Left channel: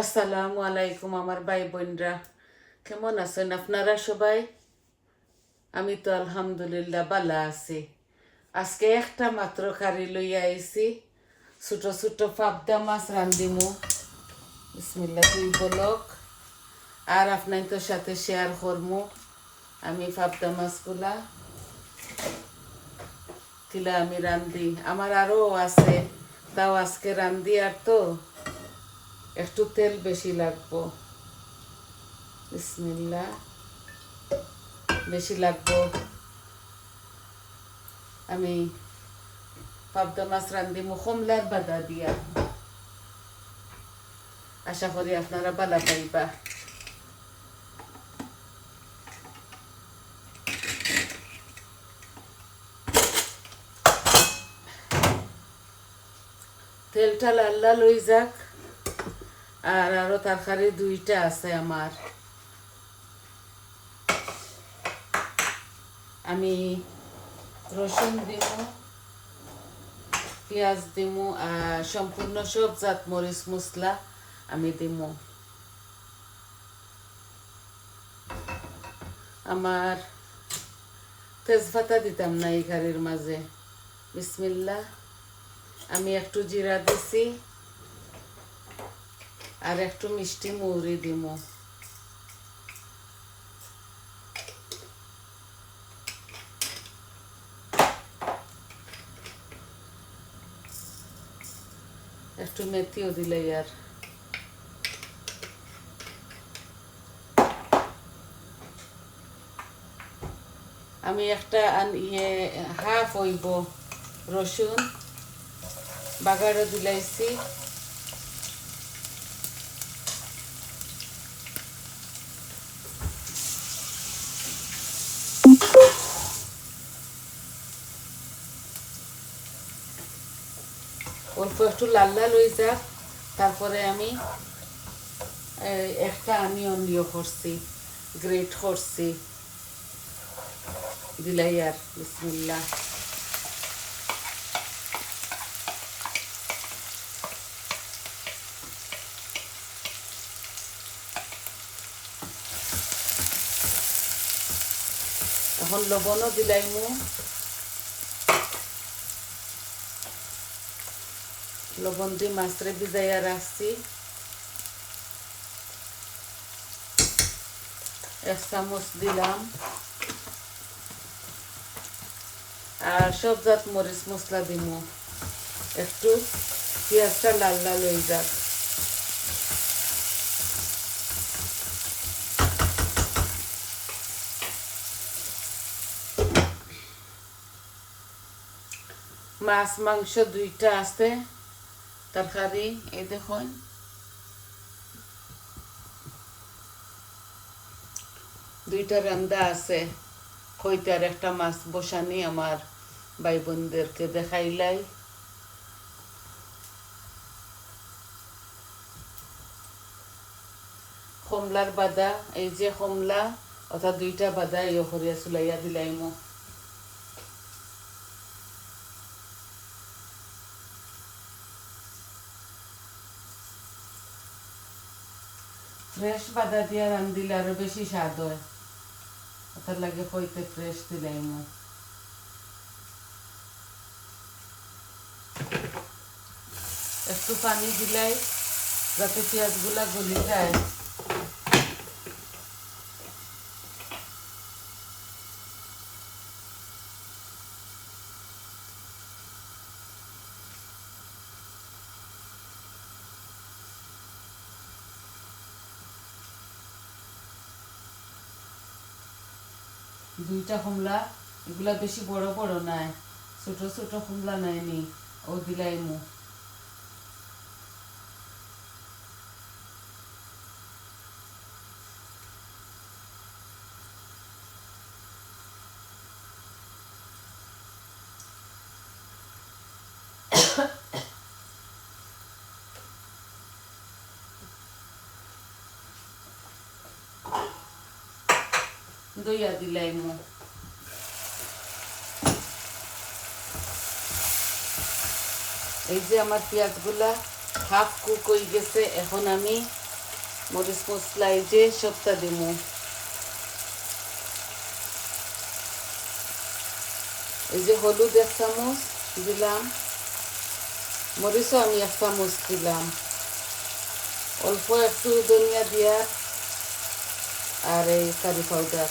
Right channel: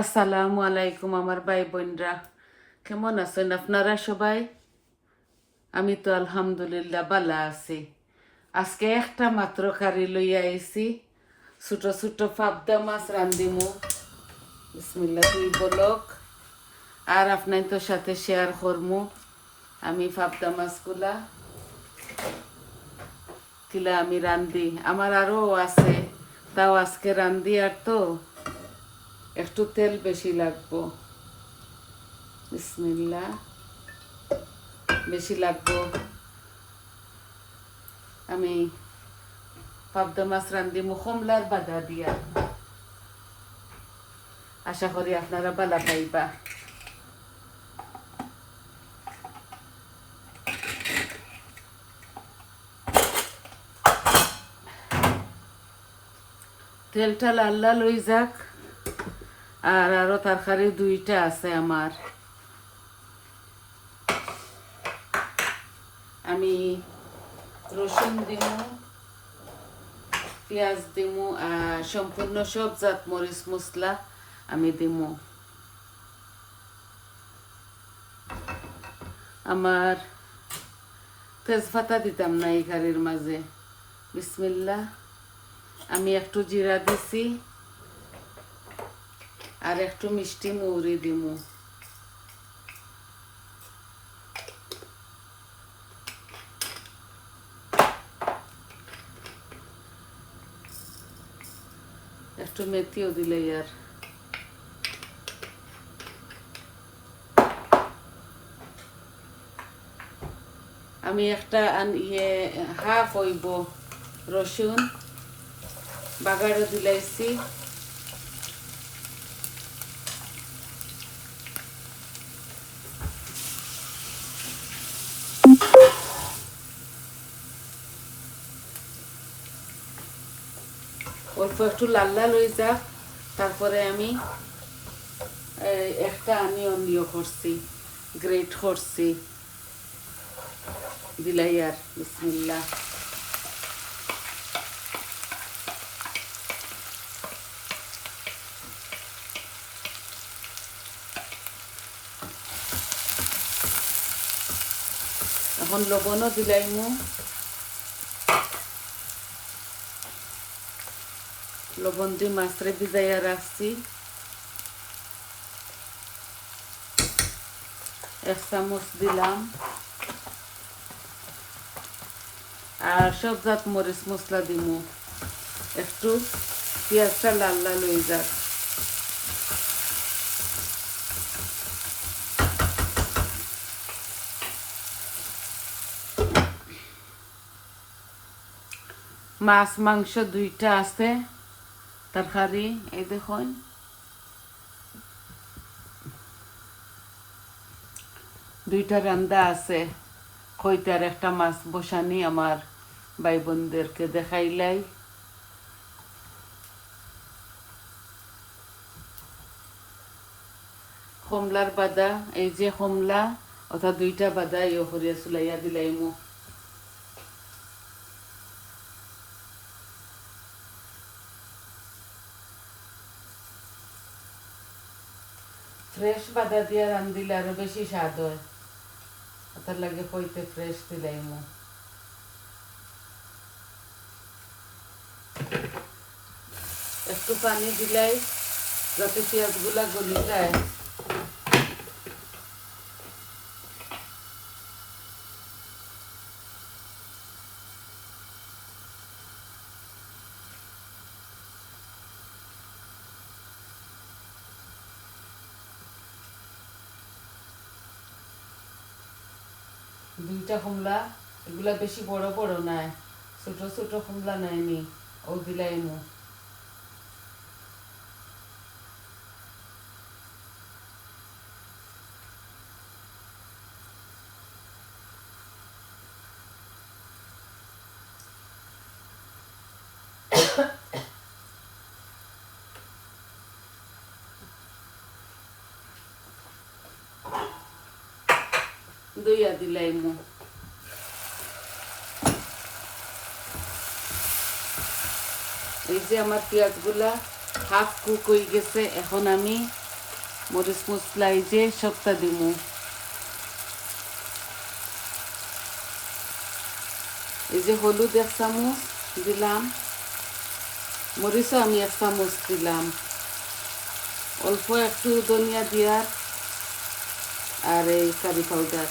আসসালামু আলাইকুম আমার ভাই বোনরা, কেমন আছেন আপনারা সবাই? আমি তো আলহামদুলিল্লাহ ভালো আছি। আজকে একটা মাত্র কারি লইয়া আইছি, ছোট ছোট পাবদা মাছ রান্ধিমু। বিসমিল্লাহ তুই বলক, আর আপনার সাথে শেয়ার করমু আমি পাবদা মাছগুলা কিলা আমি রান্ধি। আমার আরও আছে, তাও আজকে রান্ধি। আর তো একটু তেল বেশি লাগবো, বিসমিল্লাহ বেশি লাগবো। আমি পাবদা মাছ রান্ধিমু কমলার বাদা দিয়া। আশা করি আপনারা বাদা পাইবা। তেলটা লাল লাল হয়ে যাক। আর আরো তরকারি দুইটা আছে আমার। আমি রসুন দিমু, পেঁয়াজ দিমু, সম্পূর্ণ সব জাত মরিচ মশলা আমি দিমু। আমার তেজপাতা দিতাম না এই কারির মাঝে। বিসমিল্লাহ। আমি একটু জিরা দিছি আর একটু মিষ্টি মৌরি দিমু। একটু মেথিও দিলে আর আমি একটা হাফ হইব রসুন বাগারে দিলাইছি। অল্প একটু লাল লাল হয়ে যাক, তারপরে আমি একটা অনিয়ন করছি, গ্রেট করছি দিলাই আর। বিসমিল্লাহ। এখন লবণও দিলাইমু। লবণ দিয়ে মাছরে ভিজাইয়া রাখছি। 1 চামচ দিলাম। আর সব জাত মরিচ মশলা দিমু। একটু পেঁয়াজটা লাল লাল হয়ে যাক। মাছ মাংস দুইটা আছে তরকারি। এই দেখুন, দুইটা রান্দা আছে। কইতার একটা মাছ বসানি আমার ভাই বোনদেরকে দেখাইলাই। কমলার বাদা, এই যে কমলা অর্থাৎ দুইটা বাদা ইয়ে করিয়া চুলাইয়া দিলাইমু। ফ্রেশ বাদা দিয়া রান্ধিলে আরো বেশি স্বাদ হয়, ওটার লাগে কইতে ফ্রেশ দিলাইমু। একটু পানি দিলাই যাতে পেঁয়াজগুলা গলি যায়। দুইটা কমলা, এগুলা বেশি বড় বড় নাই, ছোট ছোট কমলা নেয়নি, ও দিলাইমু। দইয়া দিলাইমু। এই যে আমার পেঁয়াজগুলা হাফ কুক হয়ে গেছে। এখন আমি মরিচ মশলা এই যে সবটা দিমু। এই যে হলুদ 1 চামচ দিলাম, মরিচও আমি 1 চামচ দিলাম, অল্প একটু ধনিয়া দিয়া আর এই কারি পাউডার।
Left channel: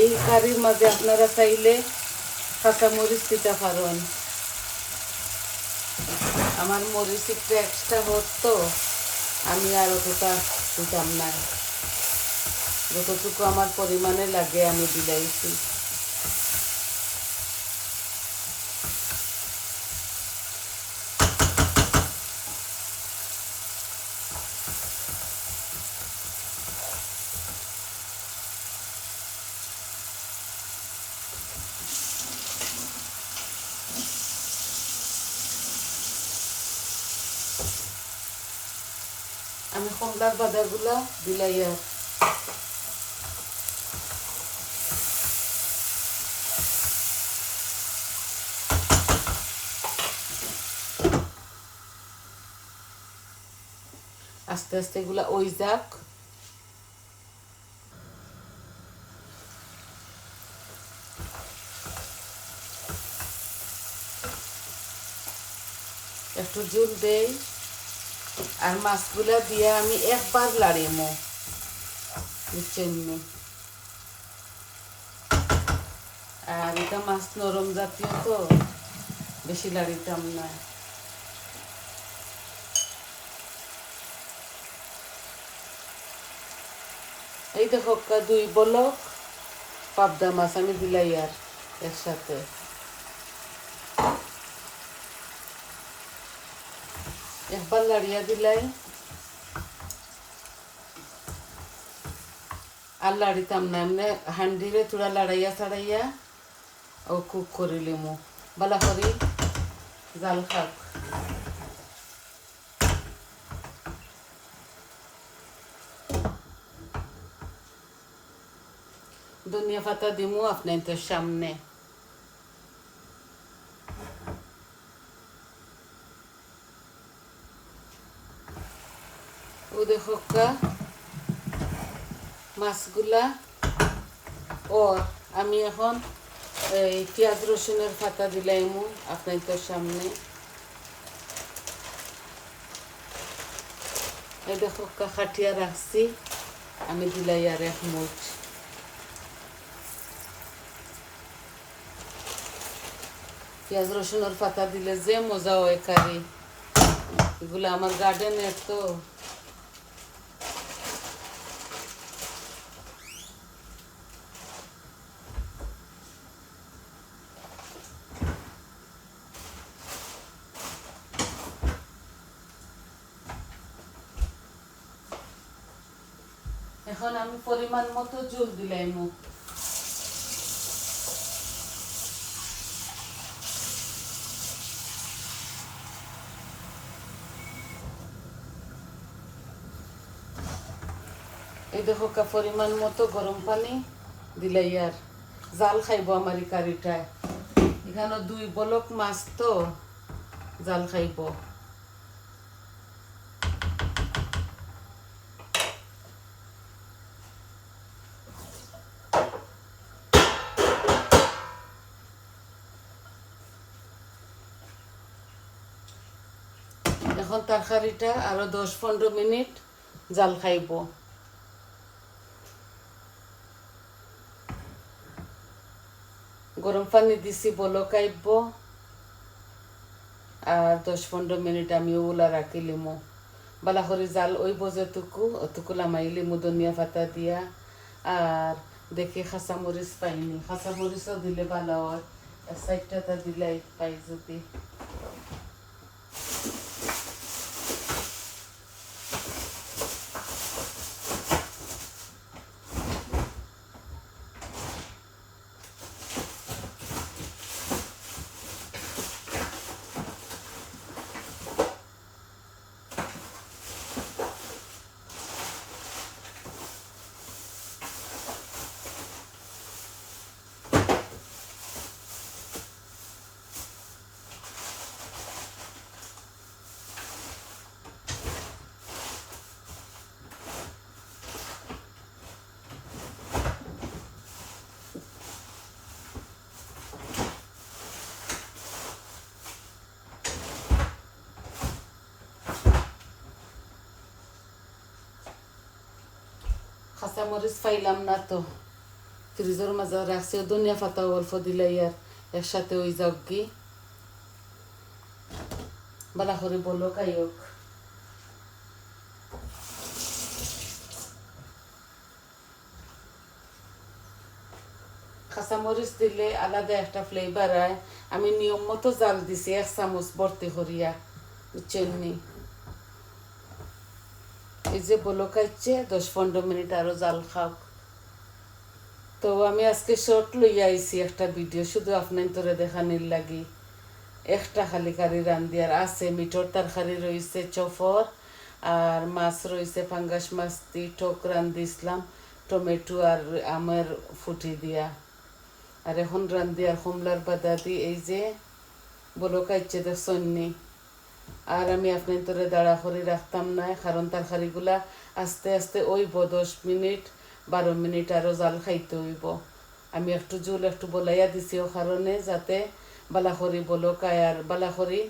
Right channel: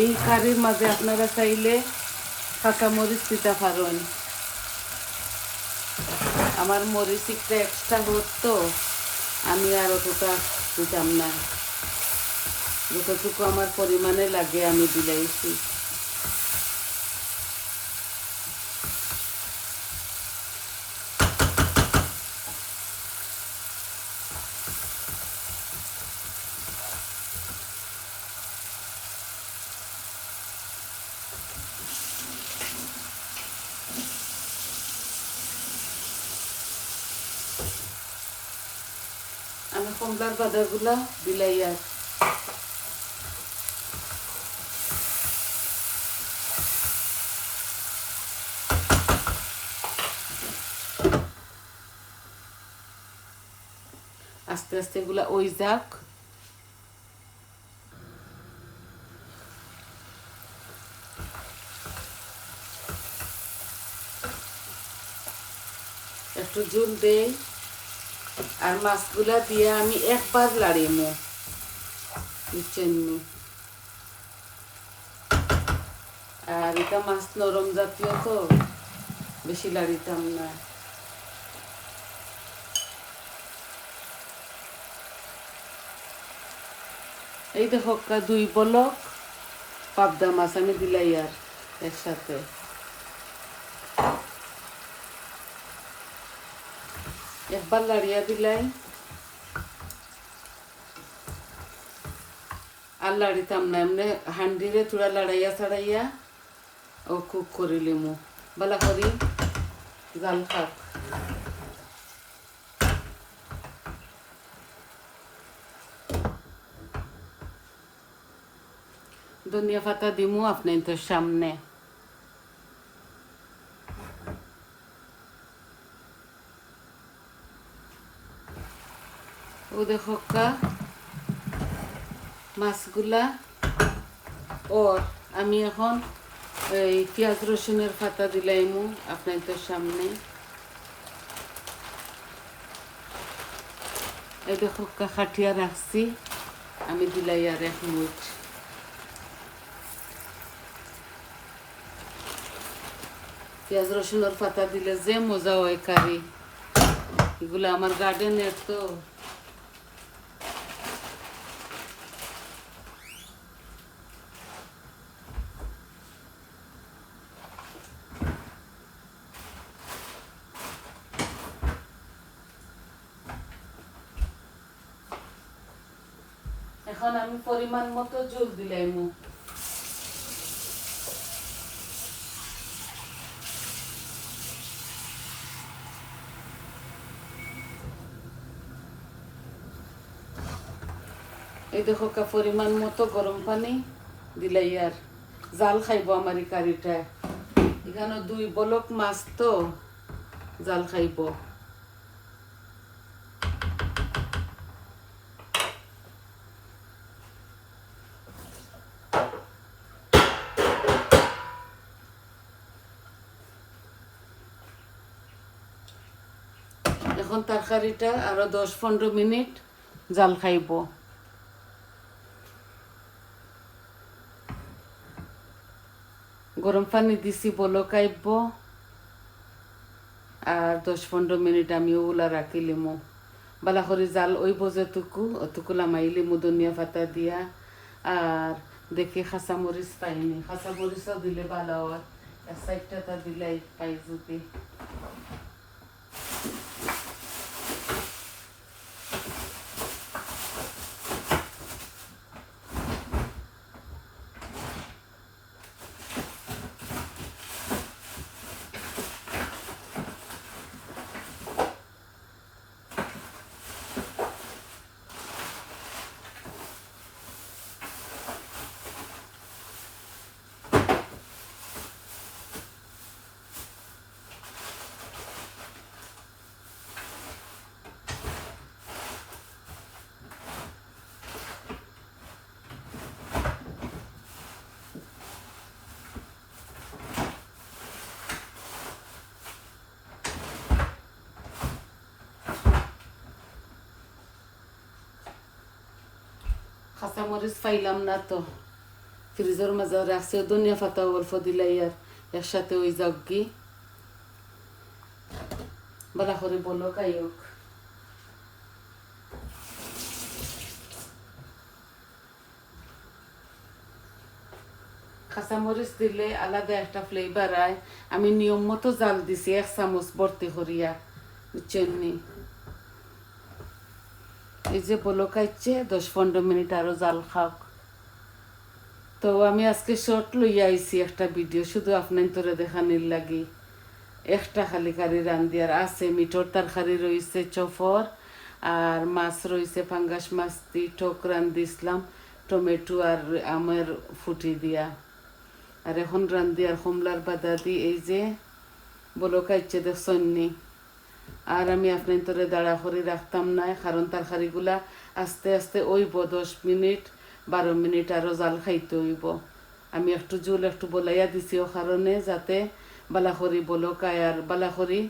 এই কারির মাঝে আপনারা চাইলে কাঁচা মরিচ দিতে পারেন। আমার মরিচ একটু এক্সট্রা হতো, আমি আর অতটা দিতাম না, যতটুকু আমার পরিমাণে লাগে আমি দিলাইছি। আমি কুমড়ার বাদাগুলা দিলাই আর আস্তে আস্তে এগুলা ওই যাক। একটু জল দেই আর মাছগুলা দিয়ে আমি একবার লাড়িমো, বুঝছেন? আর এটা মাছ নরম জাতীয় তো বেশি লাড়িতাম না। এই দেখো 2 বলক পাবদা মাছ আমি দিলাই আর একসাথে। একবার লাড়িয়া দিলাই আর লাড়িতাম না, এমনি হান্ডিরে থোড়া লাড়াইয়া ছাড়াইয়া ও কুক করিলিমু বালা করি জাল খাক। ধনিয়া পাতা দিমু আপনাদের সামনে। ও দেখো মাছগুলা। ও আমি এখন এই পেঁয়াজ রসুনের পাতা দিলাইমু আপনাদের সামনে। এই দেখো খাটিয়া রাখছি, আমি দিলাই আর 1 মুঠ। পেঁয়াজ রসুনের পাতা দিলে যে মজা হয় কারি, এগুলো আমার গার্ডেনের তো। এখন আমি পরিমাণ মতো জল দিলাইমু। এই দেখো পরিমাণ মতো গরম পানি দিলাই আর জাল খাইব আমার এই কারিটায়। এখানে 2 বলক মাছ তো জাল খাইব। এখন তরকারিটা আরো 10-15 মিনিট জাল খাইব। গরম পানি দিছি বলক আইব আর 10-15 মিনিট আমি ওগুলা রাখিলিমু। বালা করে জাল ওই যেটুকু অতটুকু লামাইলিমু ধনিয়া পাতা দিয়া। আর দেখি খাঁচা মরিচ পাইনি, খাঁচা মরিচও দিলে ভালো হয়, 1-4টা দিলাই পাই যদি। কাঁচামরিচ পাইলাম না তো, ফ্রিজের মাঝে রাখছে, ধনিয়া পাতা অল্প দিলাই আর একসাথে ওই যাক কি বালা করে বলো খাইওক। কাঁচামরিচ দিলে আলাদা একটা ফ্লেভার হয়। আমি নিয়ম মতো জাল দিছি 1 চামচ ভর্তি করিয়া, বুঝছেন নি? এই যে বলো খাইছে 10-15 মিনিট আরো জাল খাও। তো আমি আজকে শর্ট লইয়া আইছি একটা ভিডিও, শুধু আপনার তোরা দেখানির লাগি। একটা খালি কারি রান্ধি, আর আছে মিটর তরকারি রয়েছে চফর, আর মাছ রয়েছে ফাঙ্গাস মাছ দি টক রান্ধিছিলাম টমেটো আর আমের ফুটি দিয়া। আর এখন রান্ধি আর কমলার বাদা দি, এই যে বলো খাইছে দেখছেন নি। আর আমি আপনার তোরে দাঁড়া করে রাখতাম না, কারণ তরকারিগুলা আস্তে আস্তে ওইব 10 মিনিট 12 মিনিট আরো জাল খাইতে হইব। আমি একটু জুল একটু বলাইয়া দিছি ও কারণে, যাতে বালাখরি বলকায় আর বালাখরি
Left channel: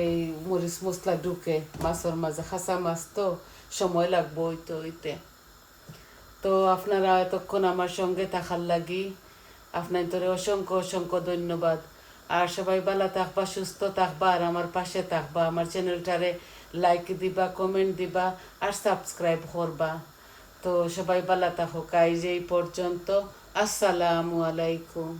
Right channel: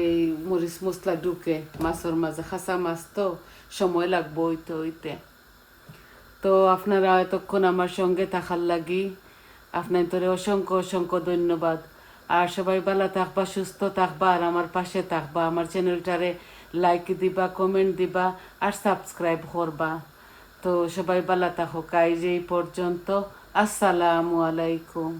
এই মরিচ মশলা ঢুকে মাছের মাঝে। খাসা মাছ তো সময় লাগবো হইতে হইতে। তো আপনারা এতক্ষণ আমার সঙ্গে থাকার লাগি আপনার তোরে অসংখ্য অসংখ্য ধন্যবাদ। আর সবাই ভালো থাকবা, সুস্থ থাকবা, আর আমার পাশে থাকবা। আমার চ্যানেলটারে লাইক দিবা, কমেন্ট দিবা, আর সাবস্ক্রাইব করবা। তো সবাই ভালো থাকো, এই পর্যন্ত। আসসালামু আলাইকুম।